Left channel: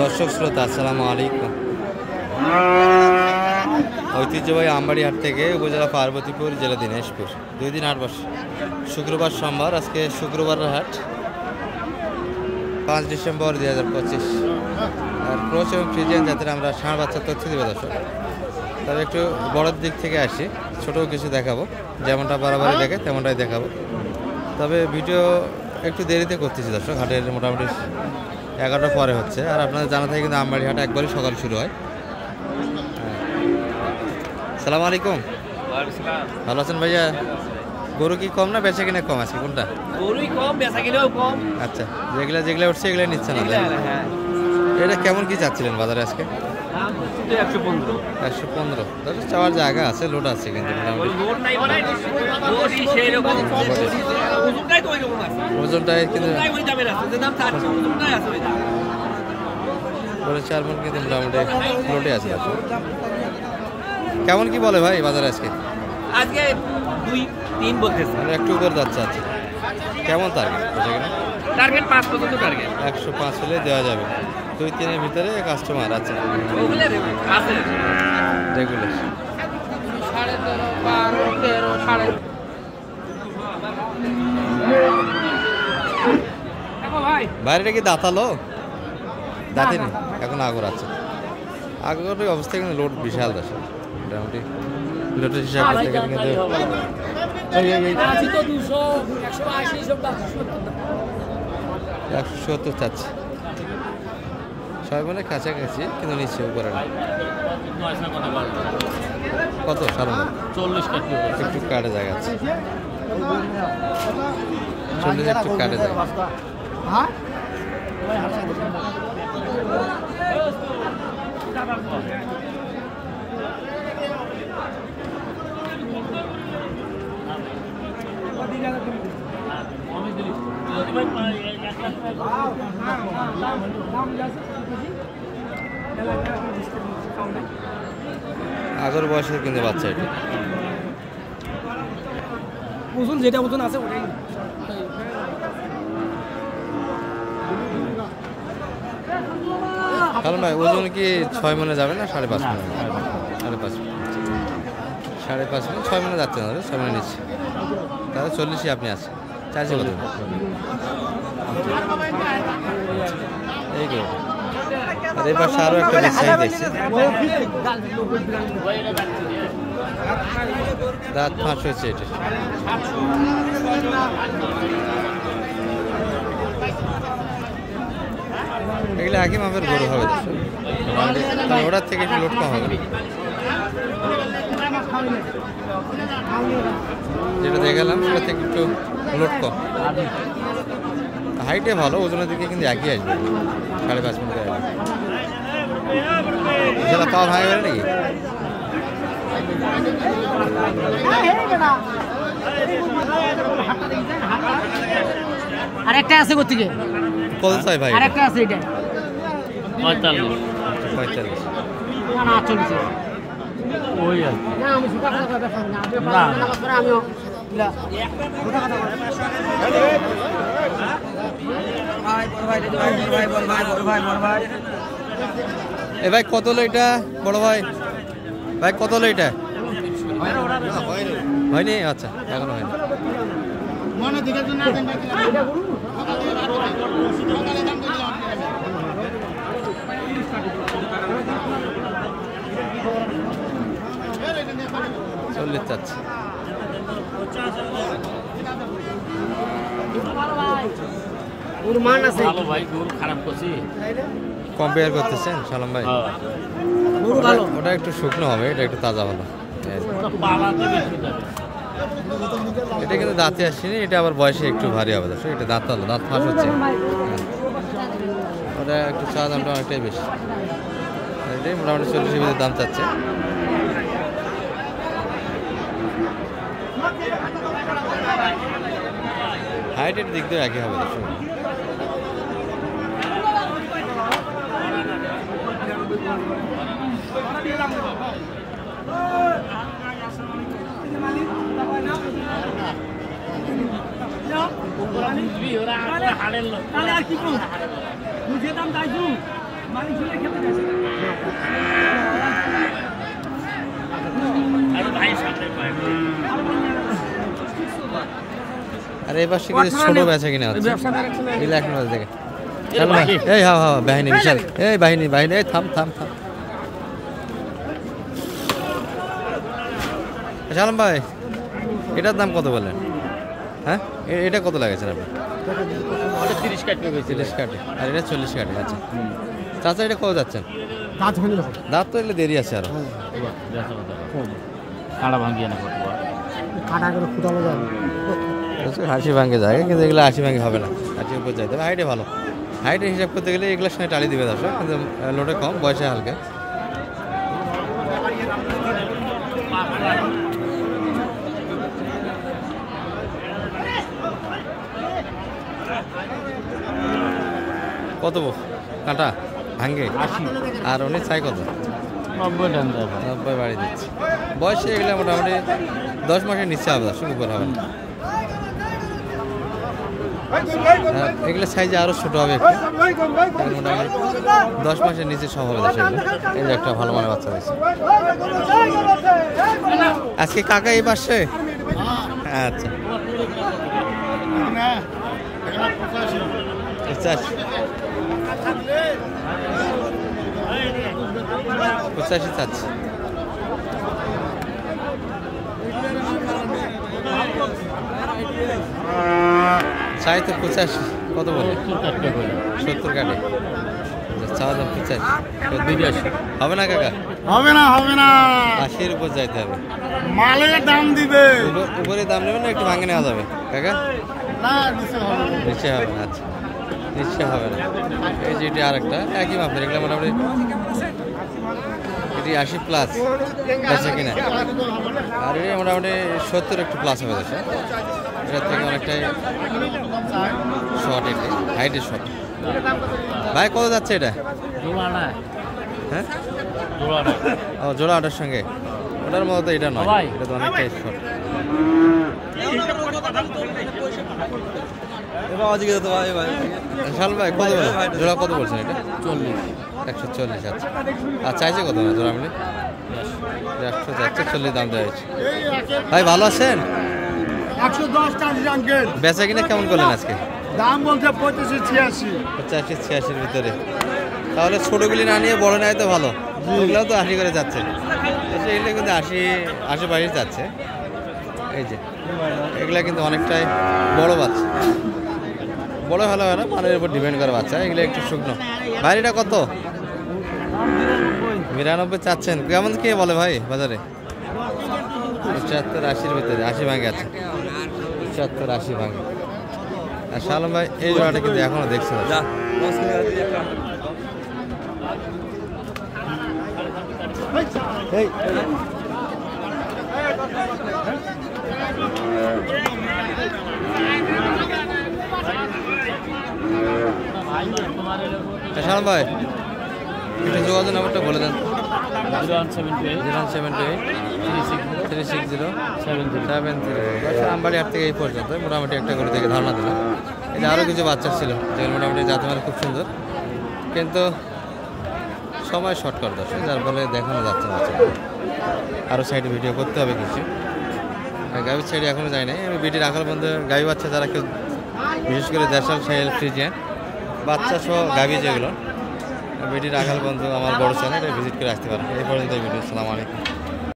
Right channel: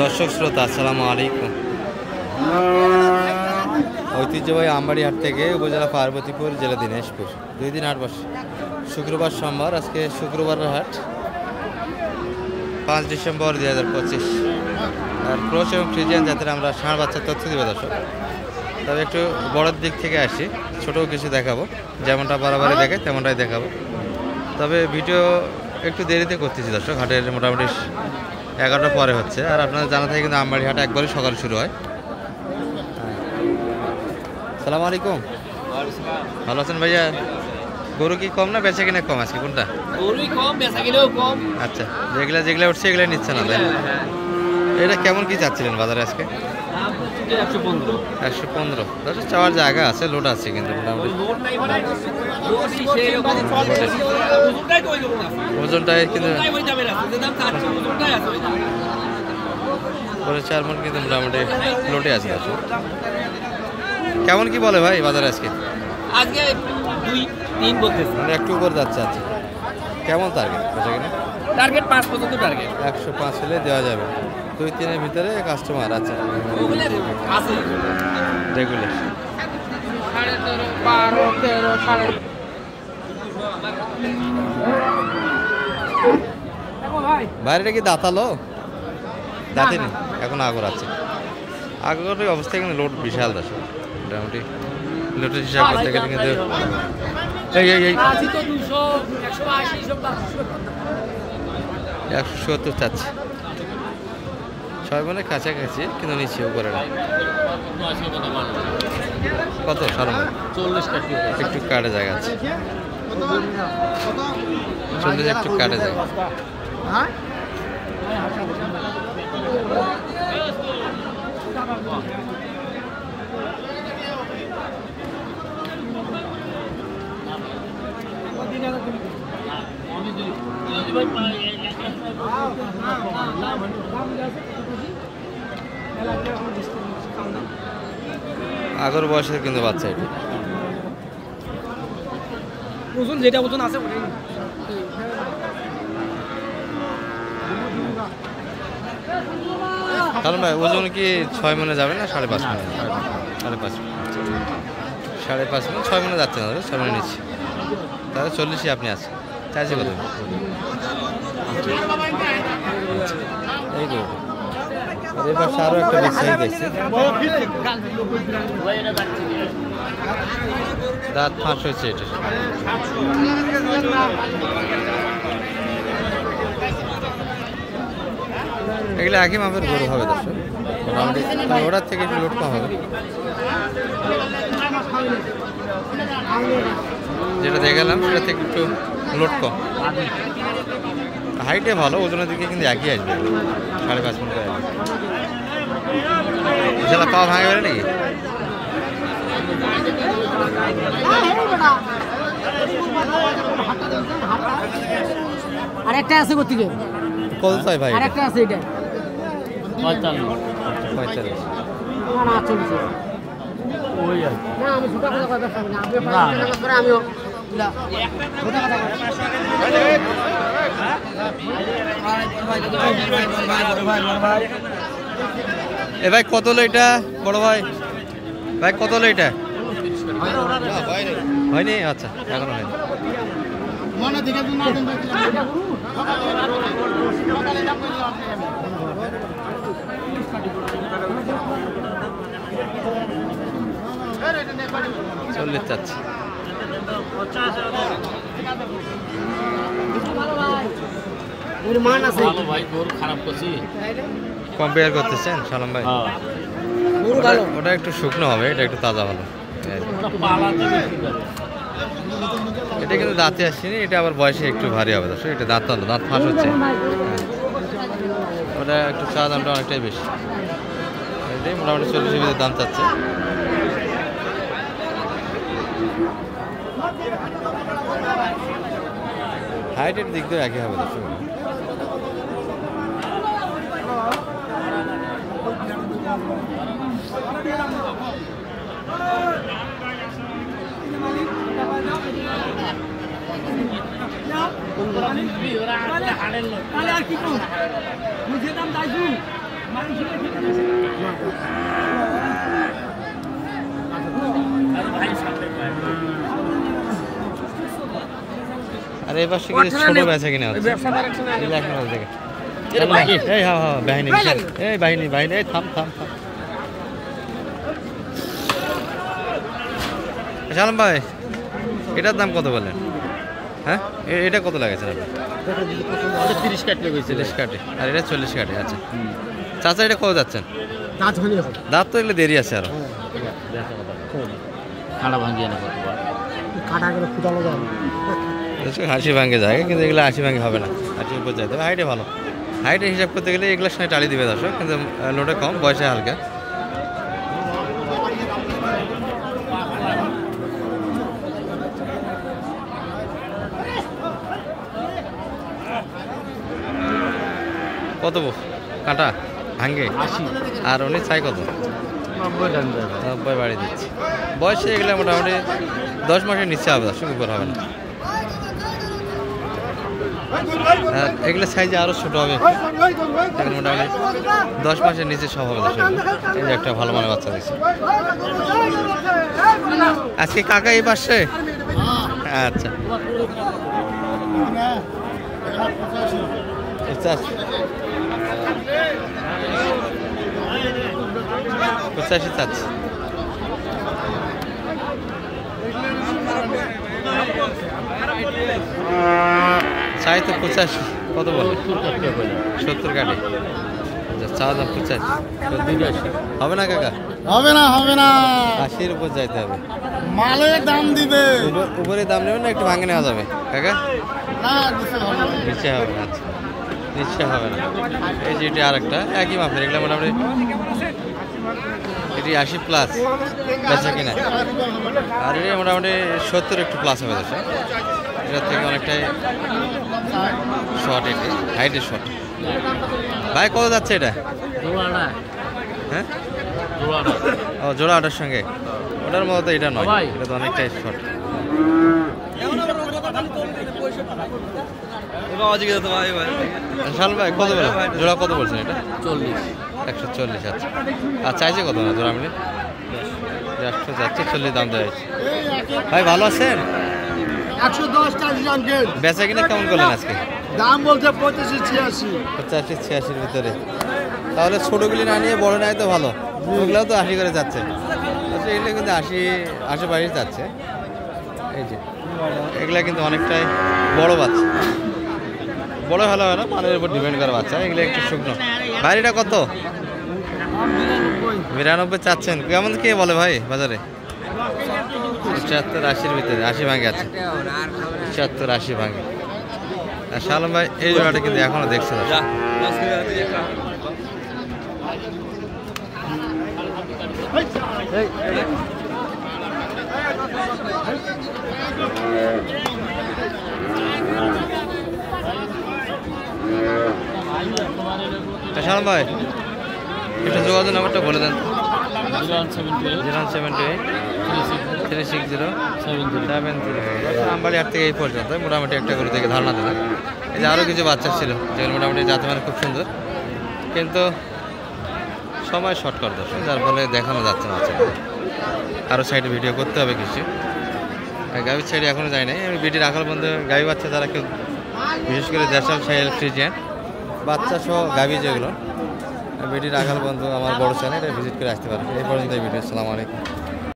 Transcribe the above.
দর্শক শ্রোতা আসসালামু আলাইকুম। ঐতিহ্যবাহী আমবাড়ি হাট থেকে উপজেলা পার্বতীপুর, জেলা দিনাজপুর। 2 দিন হাট বসে, শুক্রবার সোমবার। আজকে শুক্রবারের হাট 5 ডিসেম্বর 2025। আর ক্রস এবং ফ্রিজিয়ান জাতের আমরা ষাঁড় বাচ্চার তথ্য দেবো দর্শক। তবে একটু বড়োর দিক থেকে আসি, ছোটও কিছু দেখাবো, যেমনটা বরাবরই দেখে তেমনটাই দেখাবো। তবে ভিডিও একটু দেরিতে করতেছি দর্শক, হাটের মোটামুটি 11টা পরে হচ্ছে। আর আপনাদের জানা থাকে কিন্তু আমবাড়ি হাট একবারই সকাল শুরু হয়। হ্যাঁ, সালামু আলাইকুম। ভালো আছেন ভাইয়া? গরু কি কম না বেচা কিনা কম আজকে, কোনটা? গরুই কম, বেচা কিনাও কম। আচ্ছা, যেগুলা উঠছে এগুলো নিচ্ছে না তাই? এটা কেমন কি চাচ্ছিলেন বাজারে আজকে? 115। দর্শক চাওয়ার জায়গা আছে, লোড আছে কিন্তু মোটামুটি। ওজনটাই কিন্তু বলে 4 মণ কিন্তু মোটামুটি লোডে আছে দর্শক। কেমন কি বলে ভাই বাজারে আজকে? আজকে 2-3 বলতেছে, মানে একটু উপর যাচ্ছে। আচ্ছা, কেমন টার্গেট বেচা কিনা? টার্গেট 5 পর্যন্ত টার্গেট। 105 হলে দেওয়া যাবে। 2-3 ভিতরে কাস্টমার আছে রেগুলার। বাইরেটা কি দাঁতালো? দাঁতিনি, এখন আগর আছে। আগরের অবস্থা কিন্তু লোড বিশাল দর্শক, মোটামুটি লোডের হিসাব করতে গেলে কিন্তু এই 170 চাচ্ছে। 6 মণের কাছাকাছি কিন্তু নিচে উপরে না। কত সালাম ভাই? 40 একটু কাটে জায়গা আছে, 40 একটু কাটে জায়গা। আগর বয়সের কিন্তু বাচ্চা এটা। ওজন যেটা ওজন আছে ওটাই। কারণ ভাই ওজন কি 6 মণে যাবে না 5.5 মণে? 5.5। 5.5 মণ 6 মণে যাচ্ছে না, 6 মণে নিচ্ছে। তাহলে 40ই আপনি আছেন, চার্জি কত? এই করে। আর এই পাশে আরও একটা বিগ সাইজ দেখছি, দাঁত ফাঁস হয়েছে এটা। এগুলো একই মাপের গরু হবে দর্শক, মোটামুটি ওটার থেকে একটু লোড কম হবে। যেটা দেখালাম সেটা থেকে একটু লোড কম। হাইটে ভালো, ওজনের দিকে কিন্তু একই আসবে, 5.5 মণ আসবে। যেটা পা ভাঙে বেড়ে নাকি? আরেকটা আছে কোথেকে? কত চাই ভাই? আরেকটা আছে এটা 45। 45 না না 40। ওই না আমি ছোট কথা কথা না, আমিও না ছোট কথা ভাই। এ ভাই কত হলো এটা বড় ভাই? ভাই কত হলো এটা? হয়নি? আচ্ছা, এখনো হয়নি। চল্লিশ চাচ্ছে। কম্পেয়ার করতেছেন সালাম ভাই? ওটা একটু শুকনো হবে, এটা একটু তাজা ভালো। এটা কিন্তু দাঁতে আসছেনি, এটা আবার বয়সে একটু ভারী হবে দর্শক। এটা দাঁত ফাঁস হচ্ছে। হ্যাঁ, ওটা একটু চা দামটা অনেকটাই বেশি। এটাই মোটামুটি 40-এর ভিতরে দাম চাচ্ছে। হাইটের দিক দিয়ে একই হবে দর্শক। তাহলে আর কি করব? বুঝে দাম দাইছু আর এই পাশে কিছু ছোট বেচা কিনা হচ্ছে এই হ্যাঁ হ্যাঁ বাহিনী বিশাল এই বাহিনী বাহিনী এই থাম থাম থাম সালাম ভাই এটার দাম কত বললেন হ্যাঁ এটা কত লাগাচ্ছেন আপনি 30 কাটে গেছে 30 কাটে আর এটা 40 কাটে আচ্ছা চাচা এটা কত যাচ্ছেন দাঁত হলে দাঁত তো এগুলো দেরি আছে আরো কাটা ভাঙিয়ে না কত কাটা গেলে ফুটানো যাবে 80 ভাঙে যায় কিন্তু এগুলো 80 ভাঙে হবে না 80 উপর যাইতে হবে হাইটে ভালো হাইটে হিসাব করতে গেলে এগুলোর সঙ্গে টালি দিবে দর্শক কিন্তু লোডে কম বয়সে হালকা কত কাঁটা ভাঙ্গে 80 আর উনি চাই কত 90 বাড়ি দিচ্ছি বয়সে এগুলো মোটামুটি 10 মাসের নিচে হবে দর্শক উপর হবে না আর এগুলো সাইজে আরো ছোট হবে একটু মোটামুটি 10 মাসের নিচে সব হবে দর্শক এই যে একটা ভালো মানের বাচ্চা দিচ্ছে আজকে কাকা এই পাশে আচ্ছা 85 চাচ্ছি চাই তো 85 কত বলে 70 কাটে চা দাম 85 হবে না কাকা হবে না 80-এর উপর যাইতে হবে মালের দাম দিবে উপরে দাম নেবেন না একটু ভাঙে নেওয়া যাবে কাকা না নিচে হবে নিচে হবে না আচ্ছা নিচে হবে না এই যে এটি আরেকটা একই মাপের এগুলো মোটামুটি এটি 80 প্লাস বেচা কিনা আর এটা মোটামুটি 70 একটু প্লাস হবে দর্শক এটার থেকে অনেকটাই শর্ট এটি হাইটের শর্ট ভাই কত যাচ্ছে এটা হ্যাঁ ও জোড়া ওটার সঙ্গে ওটার মতো তো এটা নয় এটা তো অনেকটাই শর্ট শাল ভাই কত বলে জোড়া কত বলছেন এটা 140 আচ্ছা আর চাইছে কত না জোড়া মিলে 100 যাচ্ছে 40 দাম দেওয়া হয়েছে ভাই ভালো আছেন 110 টাকা আঙ্কেল বেচা কিনা কেমন করলেন আজকে দাম বলতে 85-86 85-86 ভিতরে তাহলে ছোটগুলি না নিয়ে বড় নেয় তো ভালো ওগুলোও তো 80 করে যাচ্ছে এগুলো কিন্তু 80 বাইরে যাচ্ছে এই যে এগুলা কিন্তু অনেকটাই বড় বাচ্চা বড় ভালো হয় না মানের উপর ডিপেন্ড করে বাচ্চা এগুলো একটু শুকনো বাইরেটা কত 92 চাচ্ছেন কেমন কে বলে ভাই বাজারে 75-80-র ভিতরে 80 ভাঙে আছে 75-80 ভাঙে আর শালম ভাই এই জোড়াটা কিন্তু এখনো দেখছে না শালম ভাই একটু যোগাযোগ নাম্বারটা বলে দেন 078-360-730 আমবাড়ি হাট থেকে এই পর্যন্ত মোটামুটি একটা করে থেকে ধারণা দিলাম এই যে আরও কিছু বাচ্চা ছিল যেগুলো মোটামুটি যাতে মানে খুব সুন্দর কিন্তু সময় শর্ট করে দর্শক যার ফলে দেখানো যাচ্ছে না আরও সাইডে ভিডিও করতে হবে কিছু গাভীর সাইডে এখনও যাই নাই আমি বিটি রাখার বন্ধু গাভী বাচ্চা যারা কেউ বিশেষ করে দেশাল সাইল ফ্রিজিয়ান বাচ্চা সহ গাভী যেগুলো বিটি রাখাল বন্ধু আমার বড় চ্যানেল এটা ভিজিট করে আসতে পারেন এই পর্যন্ত এই ভিডিও আসসালামু আলাইকুম।